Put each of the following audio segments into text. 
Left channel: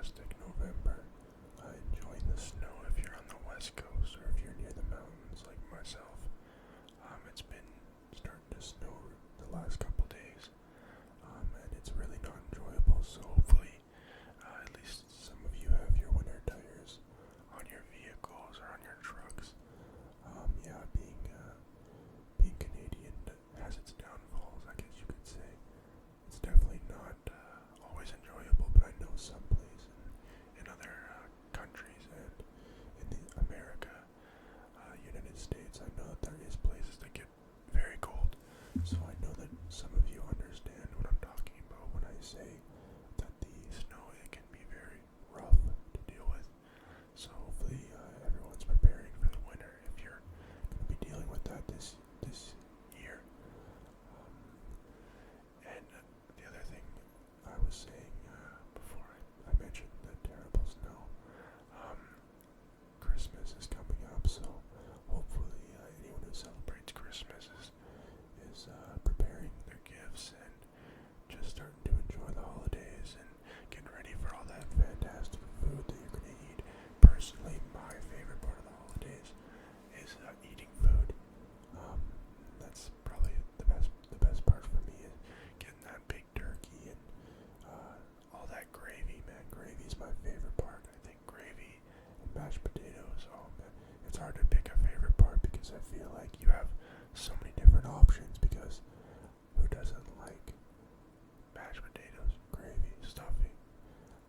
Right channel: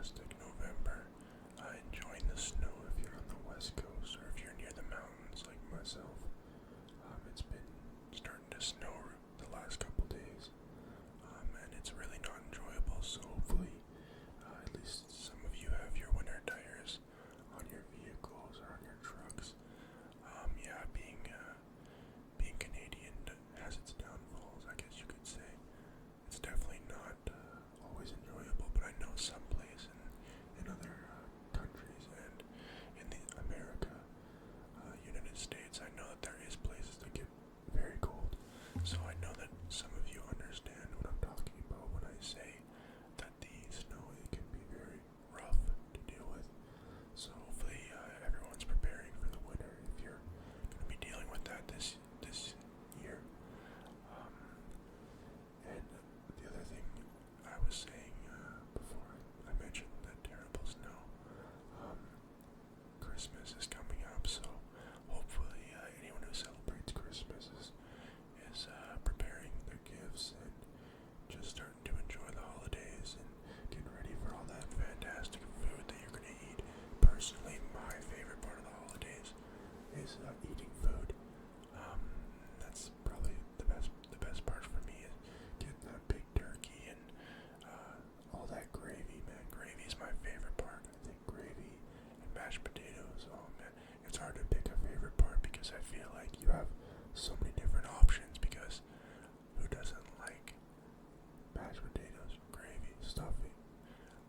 fantastic November. Enjoying the snow if you're on the west coast or if you're near the mountains like myself. It's been starting to snow the last couple days, and it's really not enjoyable. So hopefully, at least some of you have your winter tires on your vehicles or on your trucks. Yeah, being Canadian has its downfalls, I guess you could say. It's definitely not always enjoyable, but I know some place in other countries and in America, United States, I know that there is places that get very cold. So I know that some of you understand what I'm talking about when I say that the snow, it can be very rough to deal with. So hopefully everyone's preparing for the winter if you're going to be dealing with that this year. And the other thing I was saying before I mentioned the terrible snow, Christmas is coming up, so hopefully anyone who celebrates Christmas is preparing their gifts and just starting to enjoy the holidays and getting ready for all that fantastic food that you're going to eat. Personally, my favorite part of the holidays is eating food. That's probably the best part for me is getting that big turkey and all that gravy, man. Gravy is my favorite part. I think gravy and mashed potatoes, oh man, it's hard to pick a favorite part because I feel like you have so many different options, because who doesn't like mashed potatoes, gravy, stuffing?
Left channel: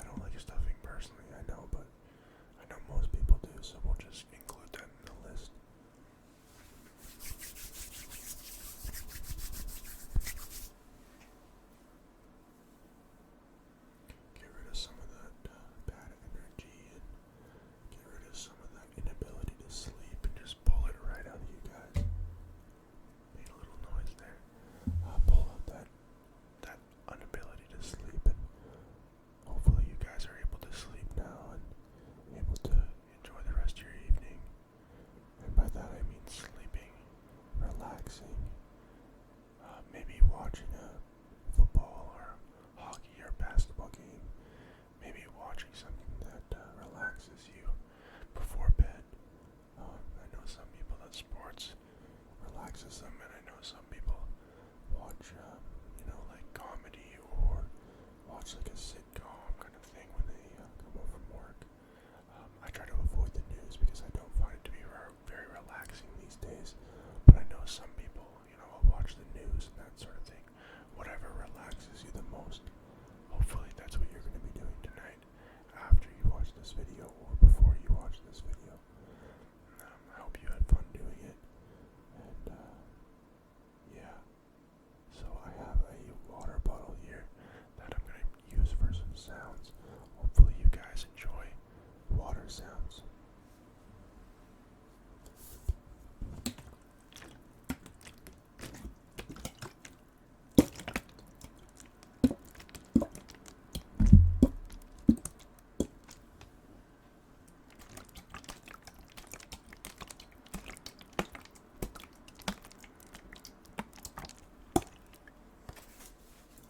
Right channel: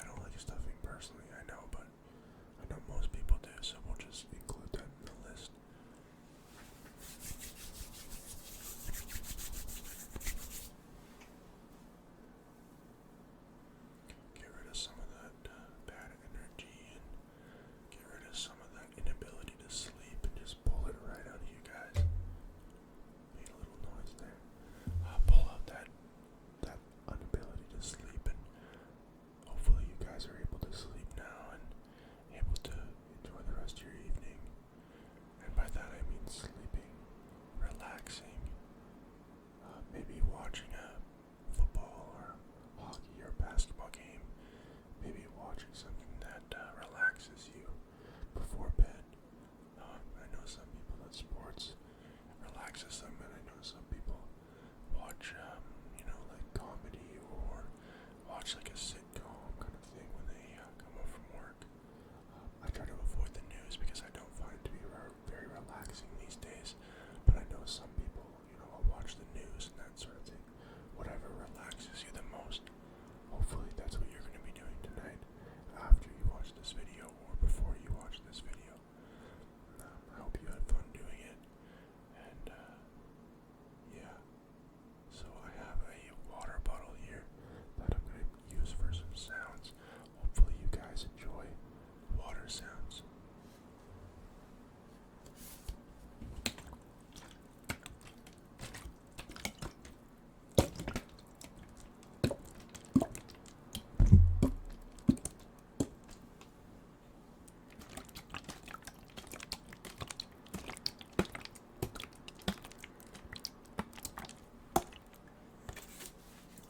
I don't like stuffing personally, I know, but I know most people do, so we'll just include that in the list. Get rid of some of that bad energy and get rid of some of that inability to sleep and just pull it right out of you guys. Made a little noise there. Pull out that inability to sleep, and hopefully you guys are able to sleep now and able to enjoy the rest of your evening. And by that I mean sleeping, relaxing, maybe watching a football or hockey or basketball game, maybe watching something that relaxes you before bed. I know some people that sports relaxes them, and I know some people watch, like comedy or watch like a sitcom kind of thing when they come home from work. I try to avoid the news because I don't find it to be very relaxing these days, but I know some people, will watch the news and that sort of thing. Whatever relaxes you the most. Hopefully that's what you're going to be doing tonight after you watch this video or before you watch this video. I hope you had fun doing it. And yeah, so I have a water bottle here that I'm going to use for some sounds. Hopefully you guys enjoy water sounds.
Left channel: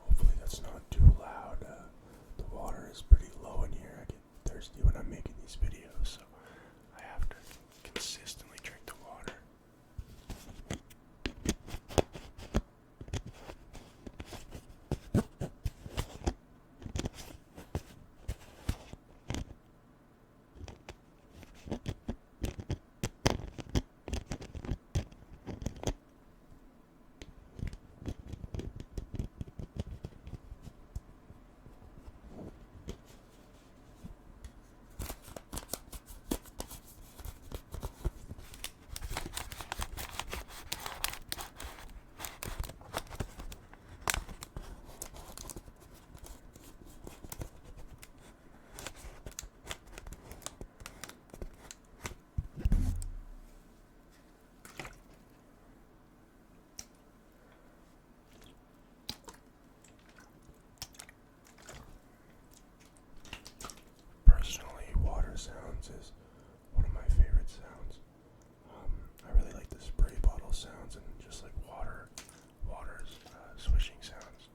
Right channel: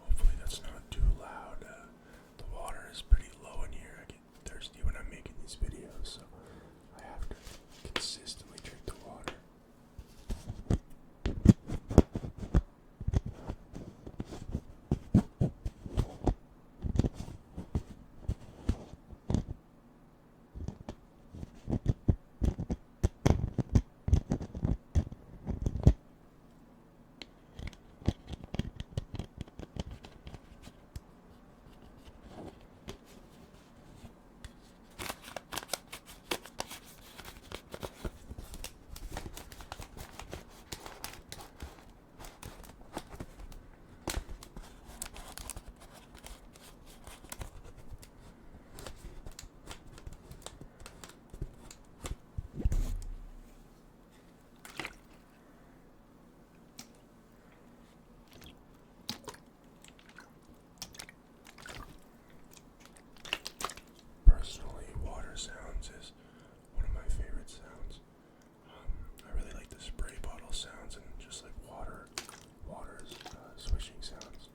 Hopefully that's not too loud. The water is pretty low in here. I get thirsty when I'm making these videos, so I have to consistently drink the water. Sounds is one of my favorite sounds. I really like the spray bottle sounds and just like water's swishing sounds.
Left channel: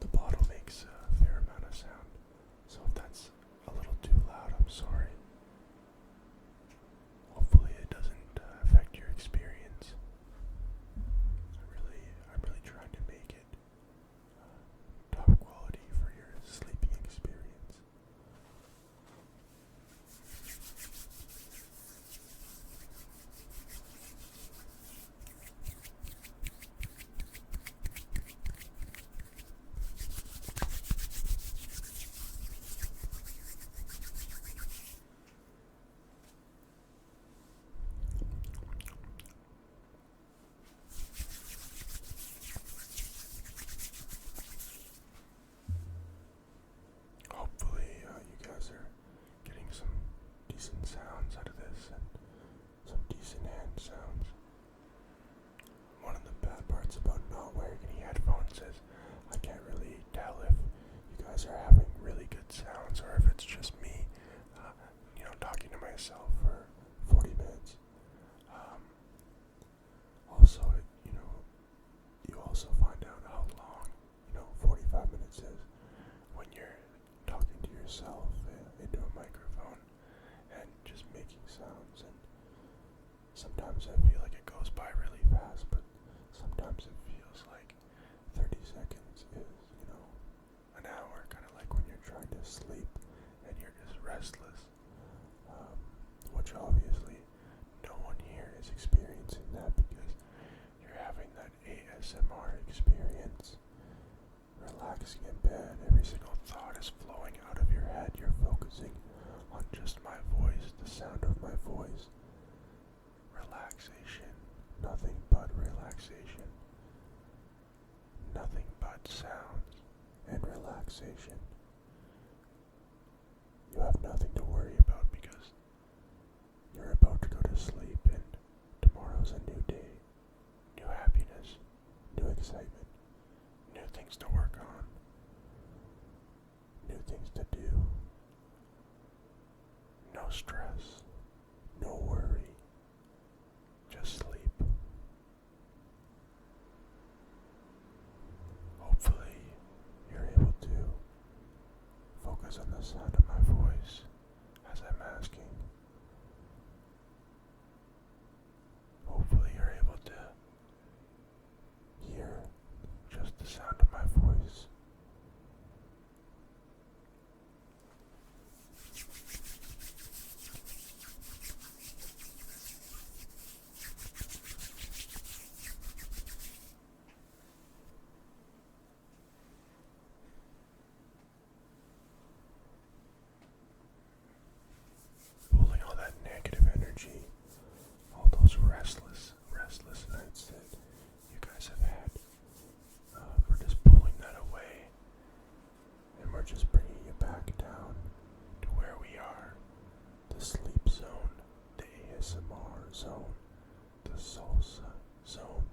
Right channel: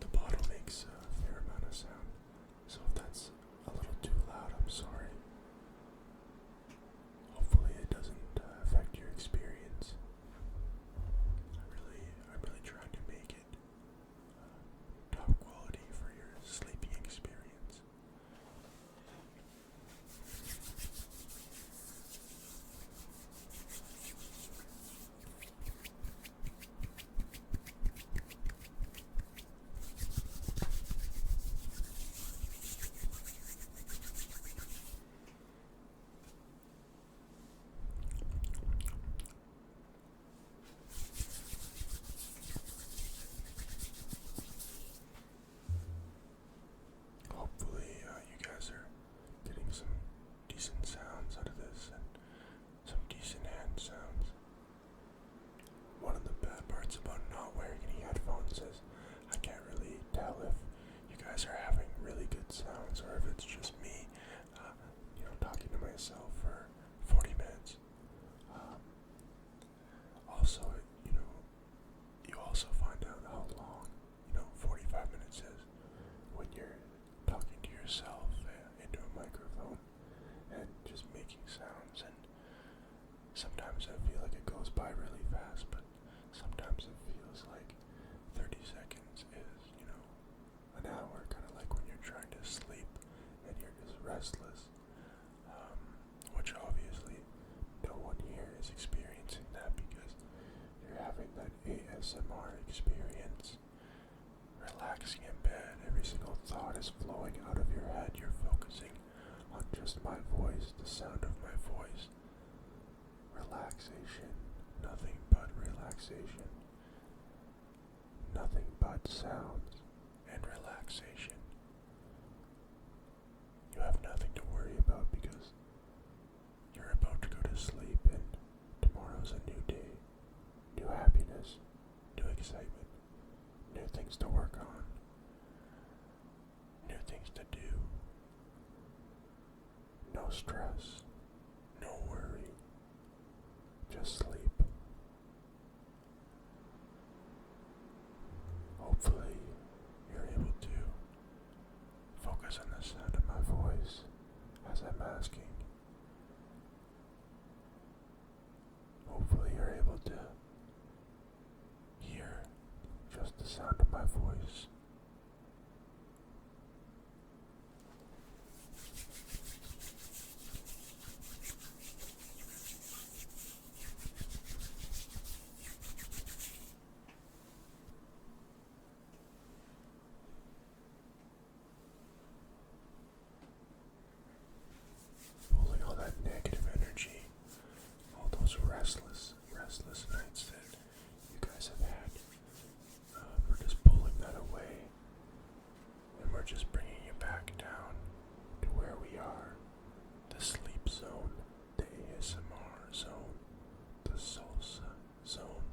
The bottle decent sounds out of this and some decent hand sounds. One of the bad parts about not wearing any headphones is I can't really tell if you guys are having really good sounds or if it's just me, talking to myself for 40 minutes. Also, you also find out how long, 45 minutes is when you're talking to yourself into a microphone and just making sounds. And sometimes I feel like it goes by really fast, but sometimes it feels like 30 seconds is, an hour, kind of like when you're trying to sleep and you're just restless, which obviously no one here is experiencing that because you're having that ASMR experience, relaxing in bed. Every single thought is flowing out of your head. You're focusing on just my voice, the sound of my voice. Relaxation, nothing but relaxation. Nothing but sounds and relaxation. You have nothing to worry about because you're about to go to sleep and tomorrow's a new day. New happiness, new excitement, new things to work on, new things to do. No stress, no worry, just sleep. Hopefully, you're able to focus on the sound of my voice as I'm asking. Hopefully, you're able to hear just the sound of my voice. Pulling all that negative energy, all those restless nights that you guys have had, we're just pulling that away, and we're just bringing you back down to where we are, the sleep zone, the ASMR zone, the salsa zone.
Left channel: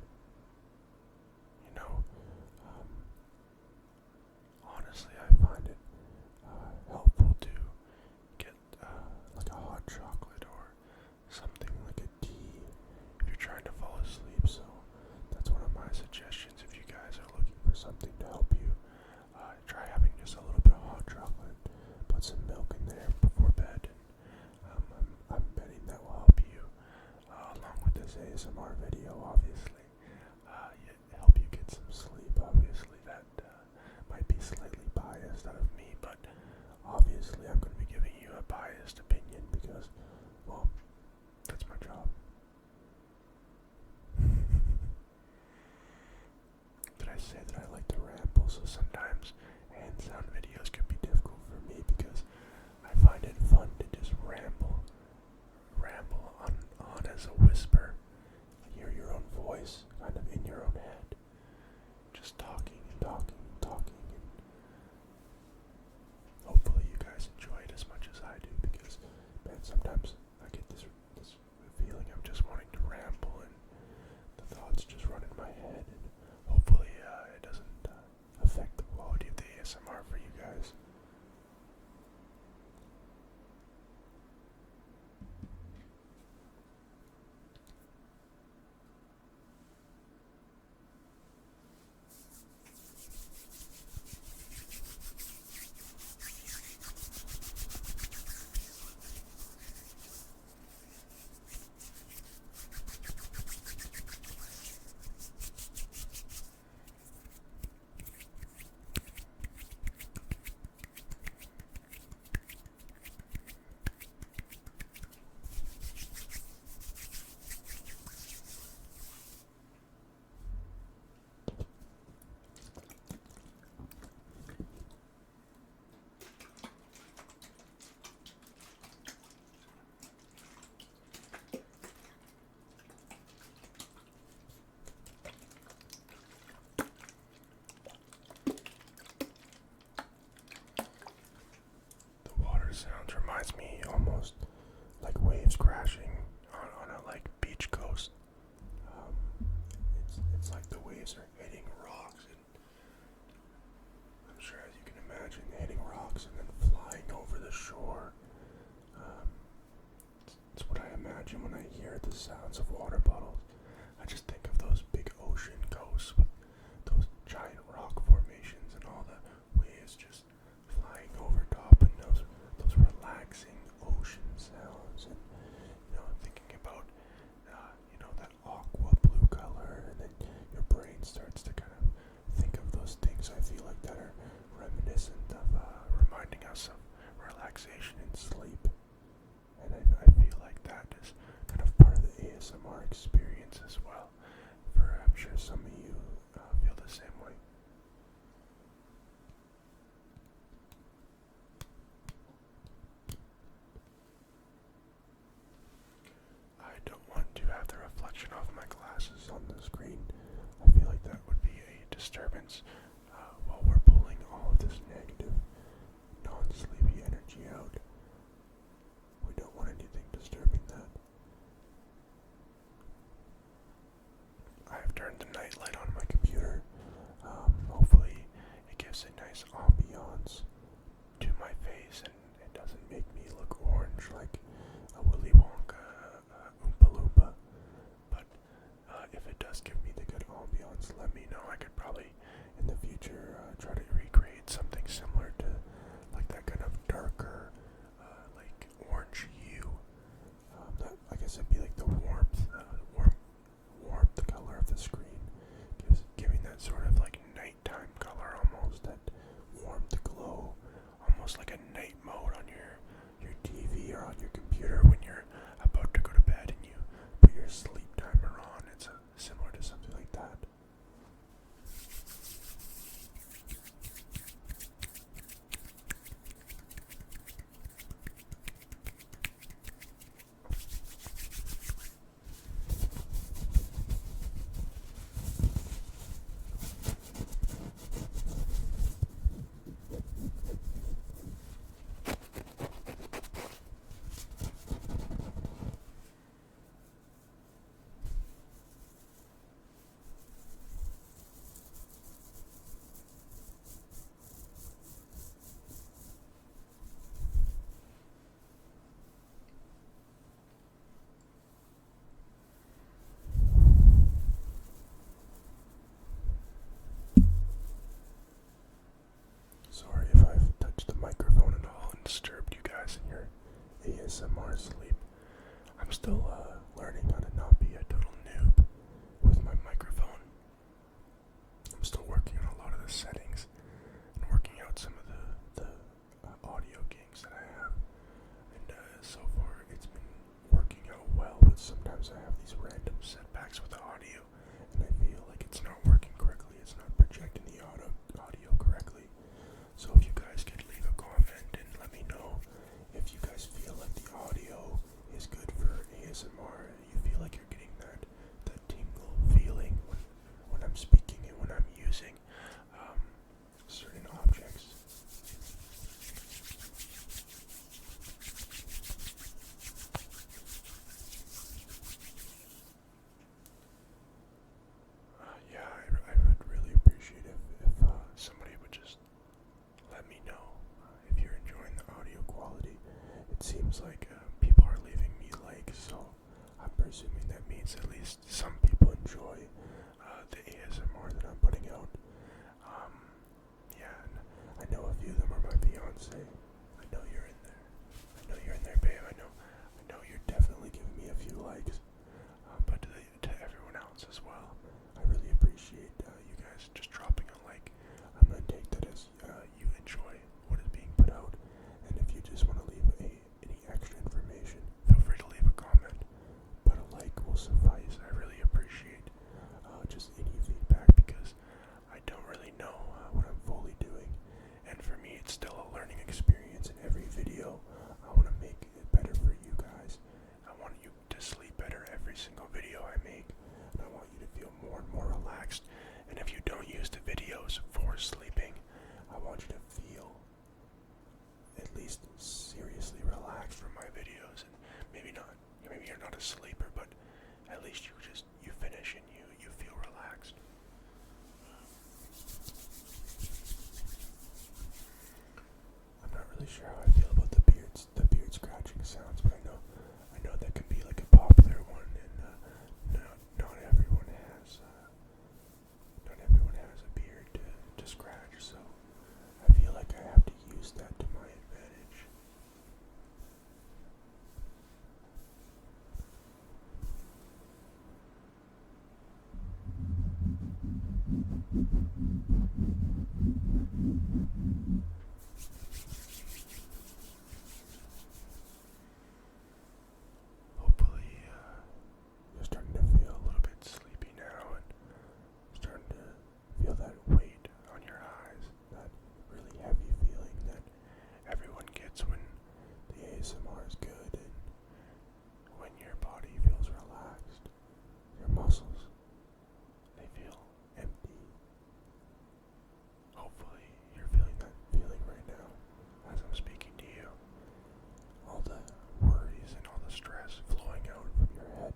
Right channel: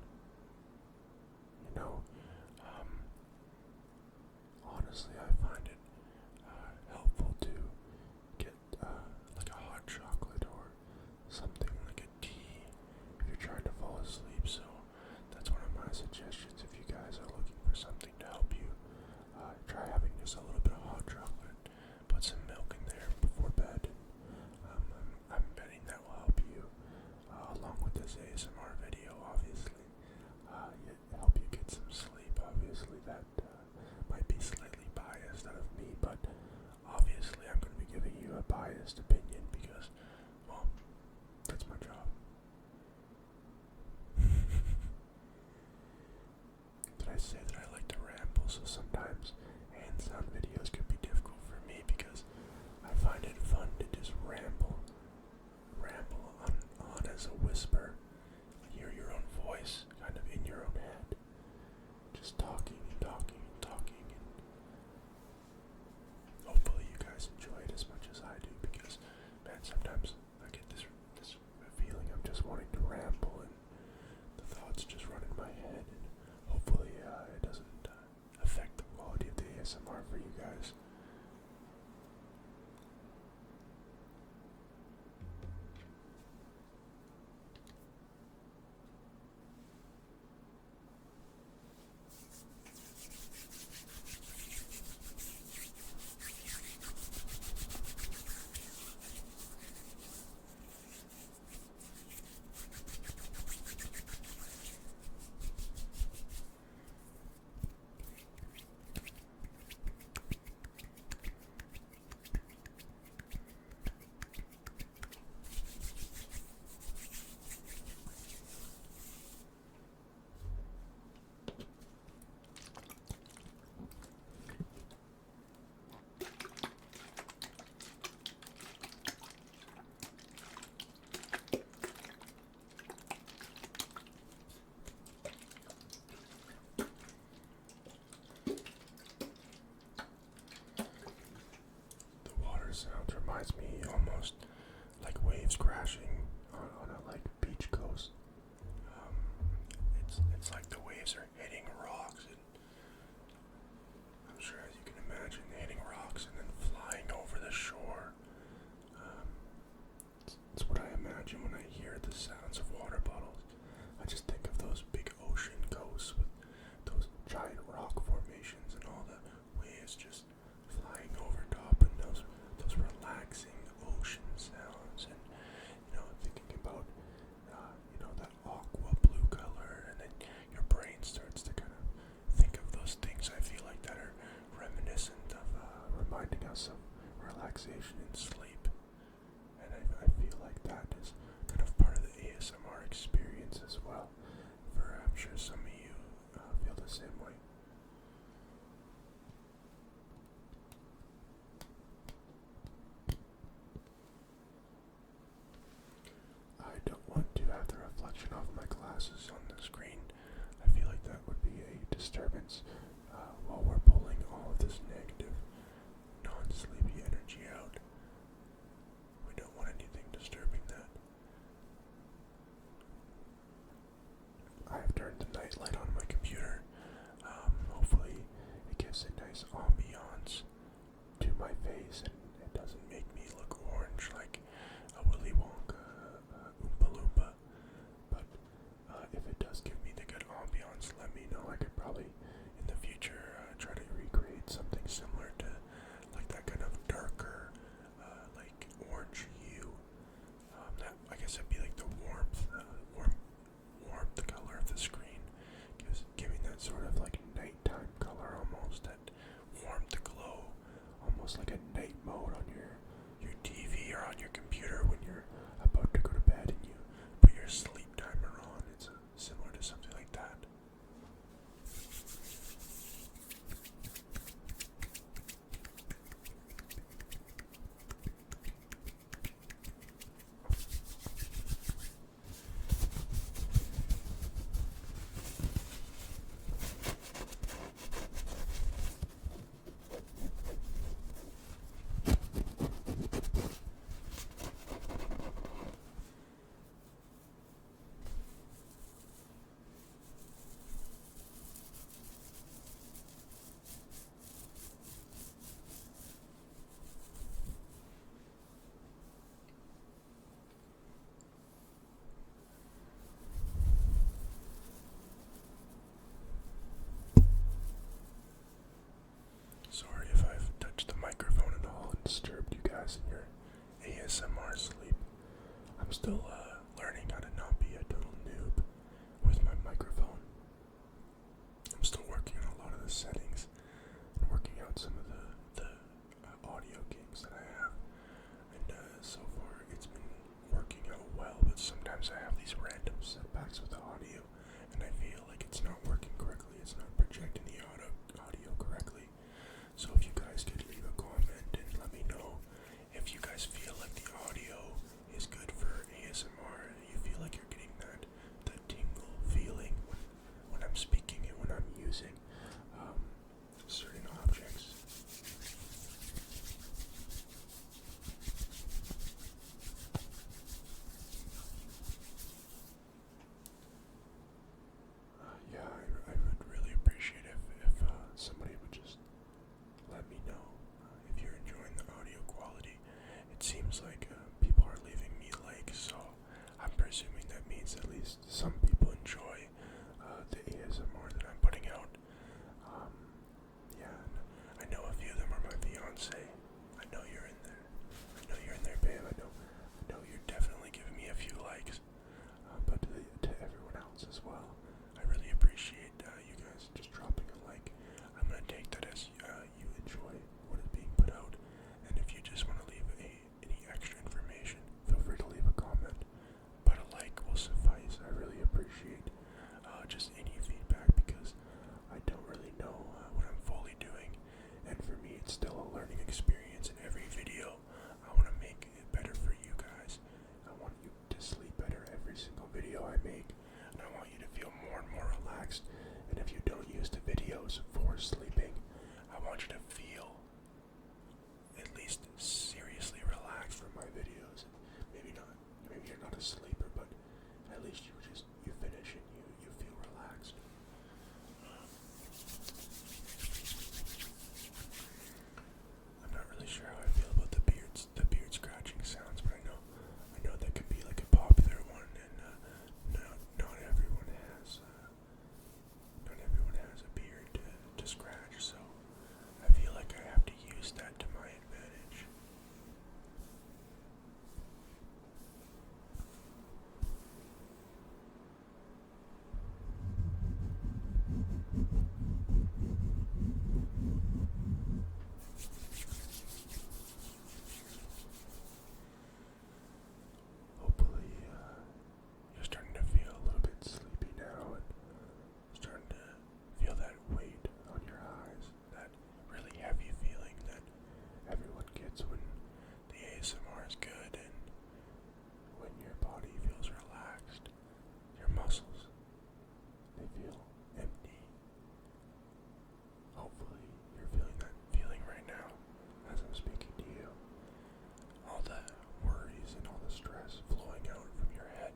Honestly, I find it helpful to get like a hot chocolate or something like a tea if you're trying to fall asleep. So that's one of my suggestions if you guys are looking for something to help you. Try having just a little bit of hot chocolate, put some milk in there before bed, and I'm betting that will help you, along with this ASMR video, obviously, help you get some sleep. Obviously, that might be slightly biased out of me, but obviously I'm going to be giving you a biased opinion because, well, that's my job. Did I say that I like to ramble? So sometimes hand sound videos can be difficult for me because I find it fun to just ramble on as a whisper. Hear your own voice kind of in your own head, just talking and talking and talking, and hopefully you guys enjoy it as much as I do because, man, sometimes I get this feeling of just wanting to ramble and the thoughts just run in my head, and hopefully it doesn't affect the quality of the ASMR for you guys. waves crashing on a like beach coast. Um, it's like the waves are hitting rocks, and I'm sure as you can imagine, hitting rocks and then flying over the shore. Um, it's what I imagine when I hear the sounds of water bottles. I just think of those big ocean coasts with those giant rock formations and all the waves just flying over top, and those relaxing ocean sounds, and thinking about that aqua blue color, and then your brain starts to kind of think of those things. I feel like that are reminiscent of reminding us of relaxation and sleep, and I feel like that is kind of part of the ASMR experience as well. I'm sure some of you feel the same way. I don't want to have the reflection of my glasses on the screen. I feel like that would be a disturbance while we're pulling all of this negative, non-sleepy energy out. We don't want anything disturbing that. I've turned the night light on my computer. Hopefully it gives a nice ambiance to my face and it doesn't make me look orange like a Willy Wonka Oompa Loompa. But if it does give me the good ambiance, let me know. I could probably in the future try to recreate something similar to like that kind of darker like orange hue. That I guess it'd be like the warmth color of the screen, giving that sort of like nighttime color almost, that warmth glow, almost like a night mode on your TV or on your computer when you're about to go to bed and you put your sleep timer on. It's similar to something like that. Sorry if I've touched the microphone at all and disturbed you guys in your ASMR sleep. I'm still learning how to not be a total noob with my microphone. I'm still working on a lot of the settings and working out some of the audio kinks that I have. And so far it's been working out well, but sometimes I have these random setbacks with the audio and I feel like it's not working correctly. It's not projecting the audio correctly. So if you guys could leave a comment and let me know if you guys feel like the audio is good for ASMR, you feel like you're getting that tingle feeling when I'm speaking and when I'm using certain objects. Yeah, I would really appreciate it if somebody would just let me know if you're enjoying the audio quality. It seems like people are leaving me likes, so I'm presuming that means at least some people enjoy the ASMR that I'm putting out. Yeah, and I know a few of them are my fiance. I know you're in there. I know you're in there, babe. I know you're definitely giving me a few likes. But to everyone else as well, I really appreciate you guys just dropping a like. I'm gonna take that as you enjoy what is being put out, and if you just want to leave any extra information, feel free to leave a comment. But a like will suffice. I really appreciate at least you finish and you feel relaxed. I'm not really sure how I feel about the beard scratching sounds, but I know that can be like a popular one, and not everyone has a beard to scratch, so I feel like I have to use that to my advantage. Hopefully, you're starting to feel a little bit sleepy now and starting to feel that weight on your eyes, that really heavy feeling that everyone gets when the ASMR is good and when your body feels relaxed. Your muscles, they feel empty. Hopefully, you're feeling that feeling right now as I'm speaking to you. All the worries and all the stress flowing out from your head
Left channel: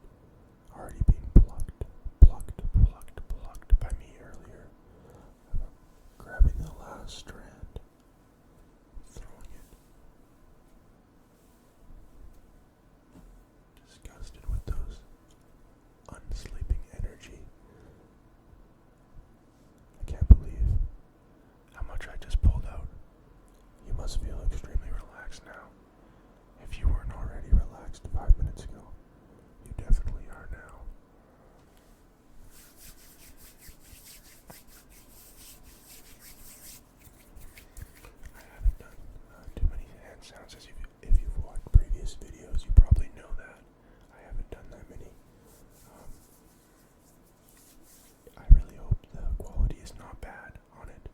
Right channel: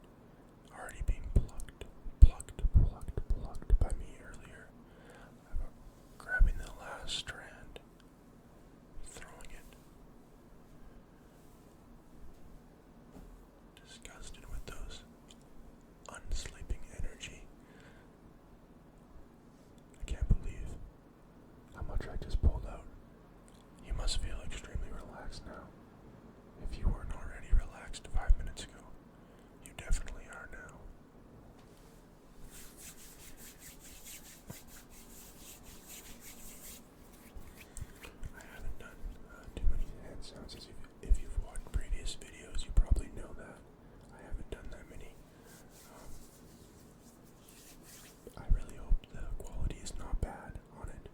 already being plucked by me earlier. Grabbing the last strand, throwing it. Disgusted with those unsleeping energy. I can't believe how much I just pulled out. You must feel extremely relaxed now. If you weren't already relaxed 5 minutes ago, you definitely are now. I haven't done too many hand sounds. If you've watched previous videos, you probably know that. I haven't done that many. I really hope the quality is not bad on it.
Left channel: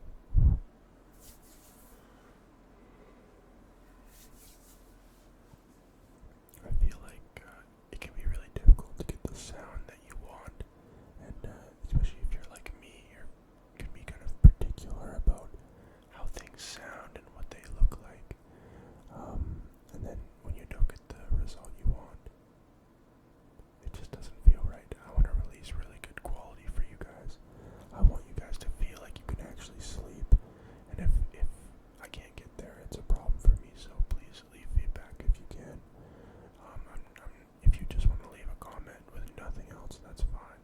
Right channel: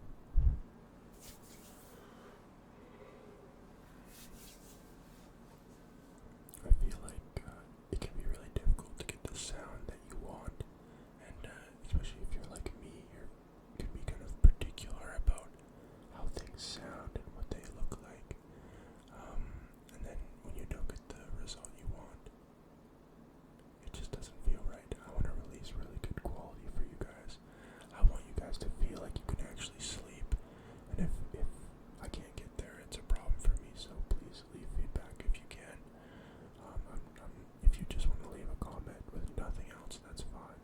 I feel like it can be really difficult to get the sound that you want, and especially if you're like me, you can be kind of particular about how things sound and what they look like. And then when you don't get the result you want, it just doesn't feel right. I want to release really good quality for you guys. I want you guys to feel like you can actually sleep, and if I can't get there, it's a problem for me, so please leave feedback if you can. If you just want to leave a comment with nothing else, that's fine.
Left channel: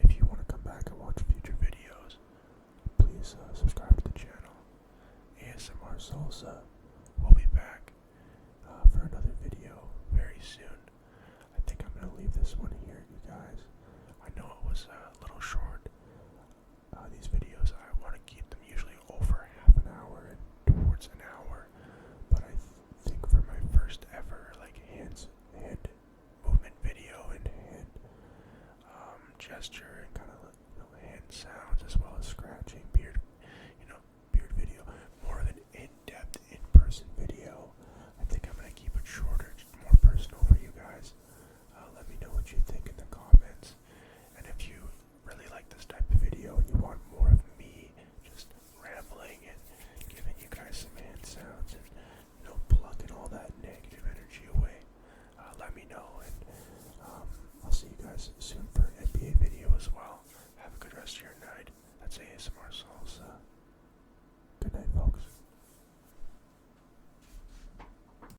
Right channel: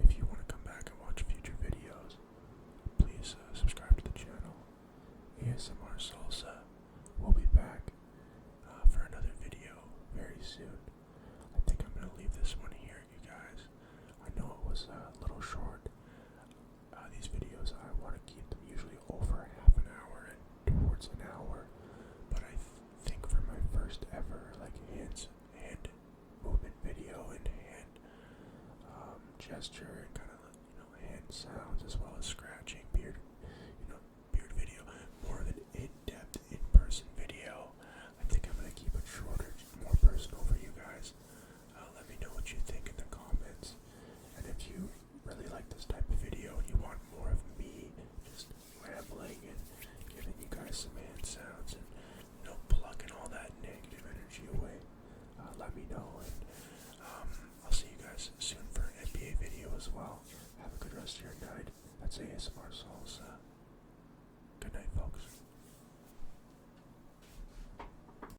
If you want to come back and watch future videos, please subscribe to the channel. ASMR Salsa will be back for another video very soon. I think I'm going to leave this one here, you guys. I know it was a little short. These videos, I want to keep them usually over half an hour and towards an hour, but I think for my first ever hand movement video and hand gesture and kind of hand sounds as well as scratching beard video, more of an in-depth in-person video. I think I'm gonna keep it shorter, more personal for you guys. Let me know what you think in the comments, and if you really like this type of video and you want more of me just rambling and giving you guys some hand sounds and plucking all that negative energy away, let me know, and I'll see you guys soon for an NBA video as well. Have a good rest of your night. That's ASMR.